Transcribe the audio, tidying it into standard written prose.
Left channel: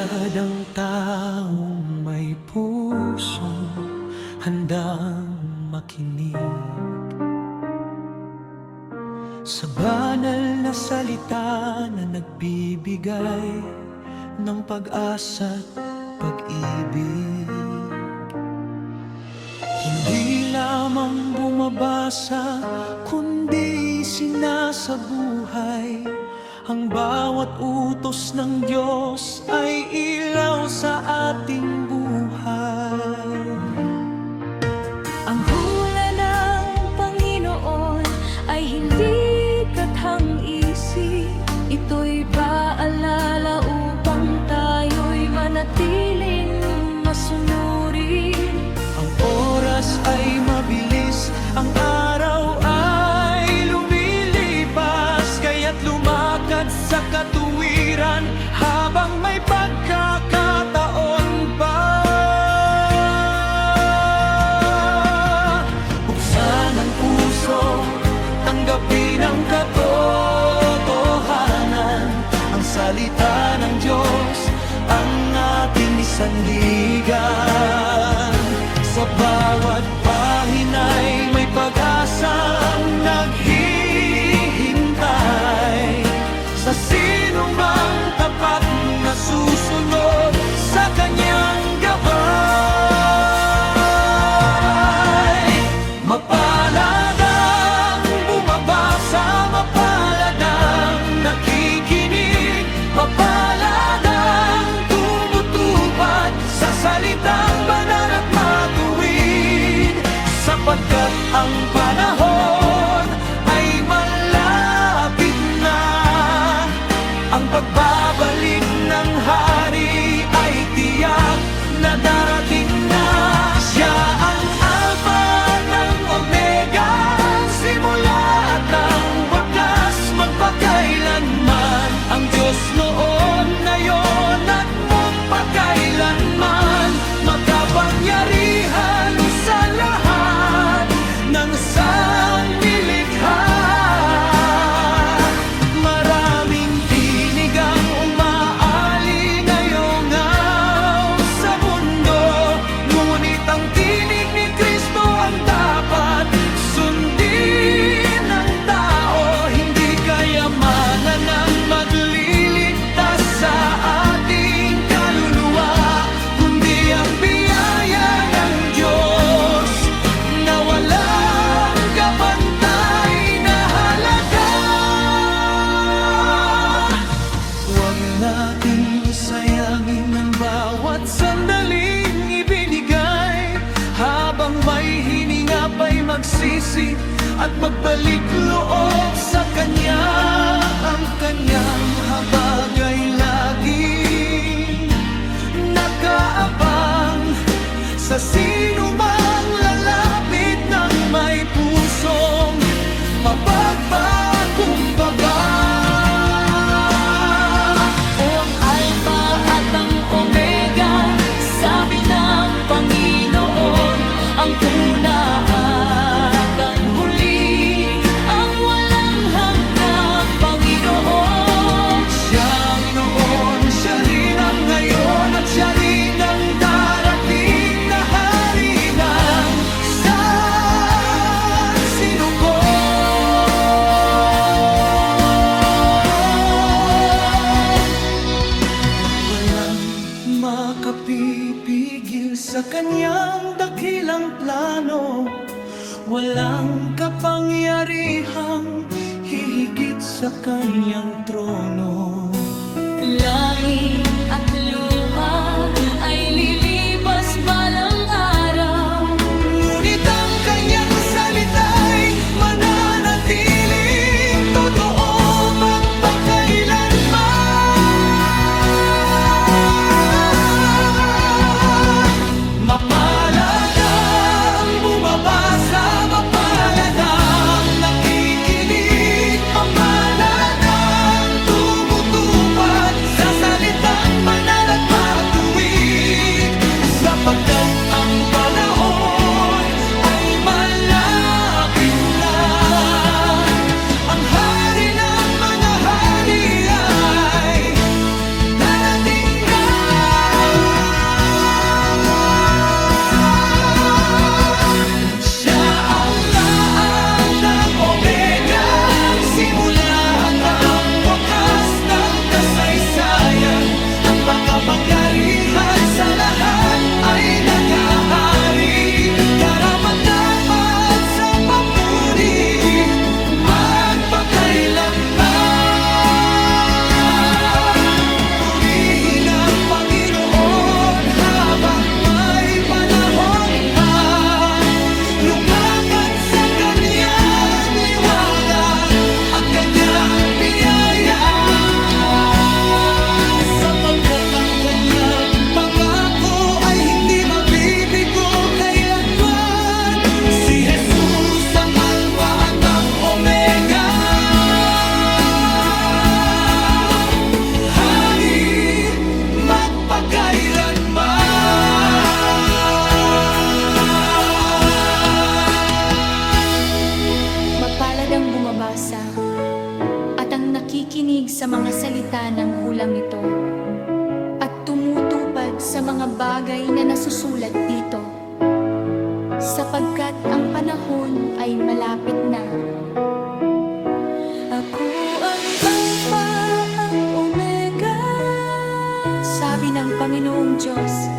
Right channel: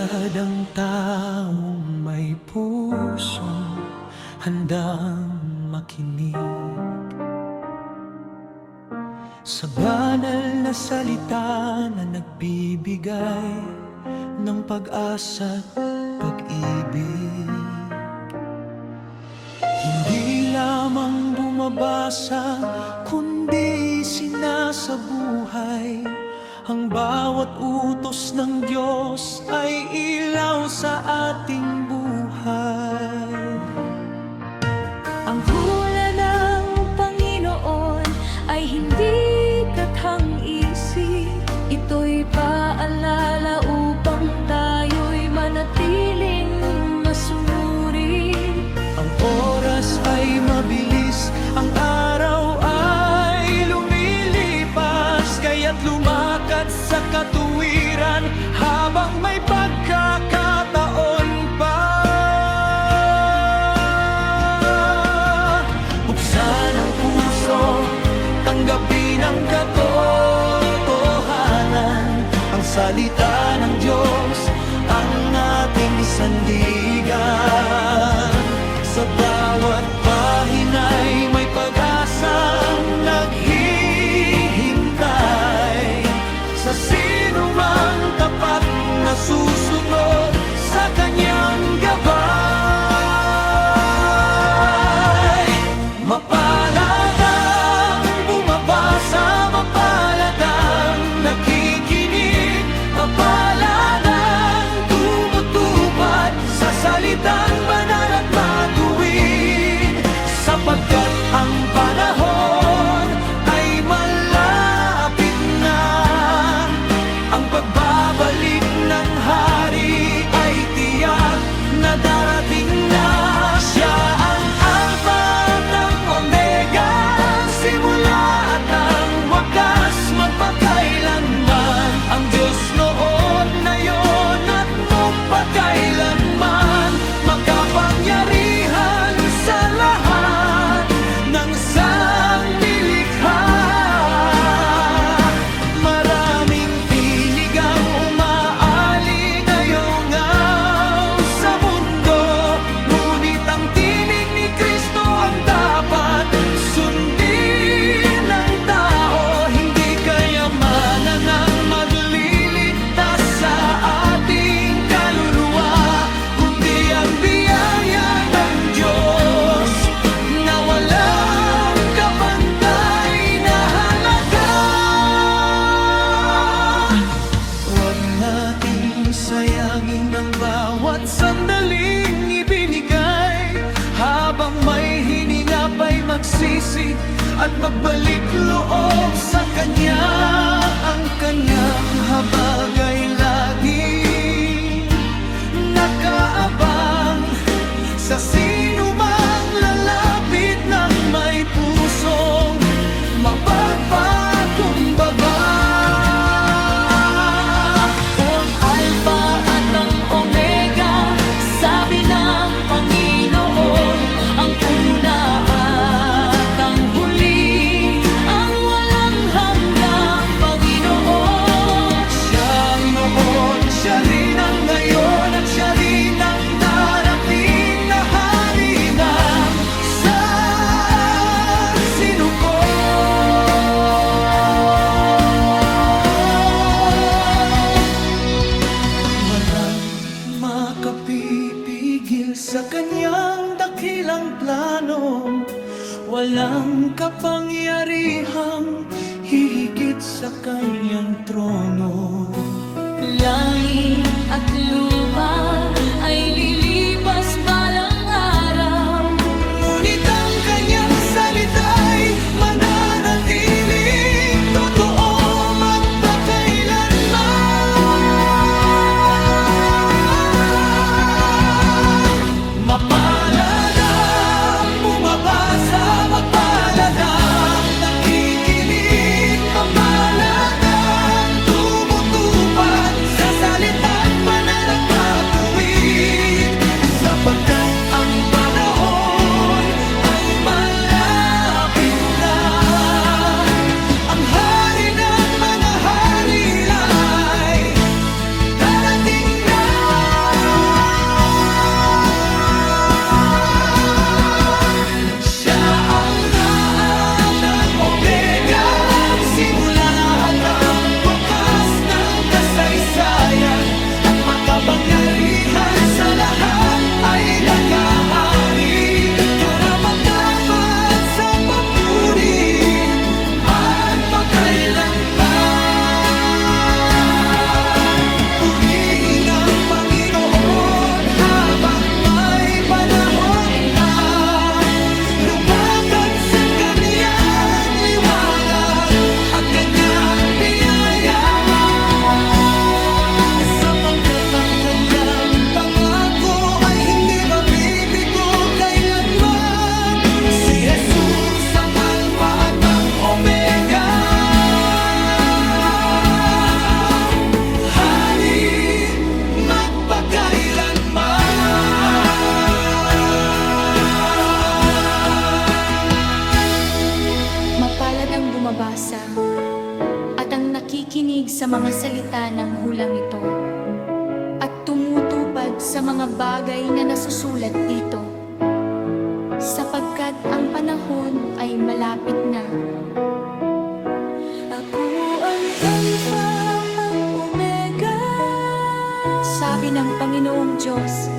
Palad ang taong may pusong handang makinig sa banal na salita na nagbibigay ng pag-asa't pag-ibig. Hindi lamang bumabasa, kundi sinasabuhay. Ang bawat utos ng Diyos ay ilaw sa ating buhay. Ang hula ng Panginoon ay hindi kathang-isip. Ito'y paalala upang tayo'y manatiling masunurin. Ang oras ay mabilis, ang araw ay lumilipas, kaya't lumakad sa katuwiran habang may pagkakataon pa. Buksan ang puso, tanggapin ang katotohanan. Ang salita ng Diyos ang ating sandigan. Sa bawat pahina'y may pag-asang naghihintay sa sinumang tapat na susunod sa kanyang gabay. Mapalad ang bumabasa, mapalad ang nakikinig, mapalad ang tumutupad sa salitang banal at matuwid, sapagkat ang panahon ay malapit na. Ang pagbabalik ng hari ay tiyak na darating na. Siya ang Alpha at ang Omega, ang simula at ang wakas, magpakailanman. Ang Diyos noon, ngayon at magpakailanman, makapangyarihan sa lahat ng sangnilikha. Maraming tinig ang umaali ngayong sa mundo, ngunit ang tinig ni Kristo ang dapat sundin ng tao. Hindi kayamanan ang magliligtas sa ating kaluluwa, kundi ang biyaya ng Diyos na walang kapantay na halaga. Huwag nating sayangin ang bawat sandaling ibinigay, habang may hininga pa'y magsisi at magbalik loob sa Kanya. Ang Kanyang habag ay laging nakaabang sa sinumang lalapit ng may pusong mapagpakumbaba. O ang Alpha at ang Omega, sabi ng Panginoon, ang una at ang huli, ang walang hanggang Panginoon. Siyang noon, siya rin ang ngayon, at siya rin ang darating na hari ng sansinuko. Walang makapipigil sa kanyang dakilang plano, walang kapangyarihang hihigit sa kanyang trono. Langit at lupa ay lilipas balang araw, Ngunit ang kanyang salita'y mananatiling totoo magpakailanman. Mapalad ang bumabasa, mapalad ang nakikinig, mapalad ang tumutupad sa salitang banal at matuwid, sapagkat kanyang pangako ay hindi mabibigo kailanman. Si Jesus ang Alpha at ang Omega, Hari magpakailanman. Mapalad ang bumabasa at ang nakikinig sa mga salita ng hulang ito at tumutupad sa mga bagay na nasusulat dito, sapagkat ang panahon ay malapit na. Ako ang Alpha, ang Omega, sabi ng Panginoong Diyos,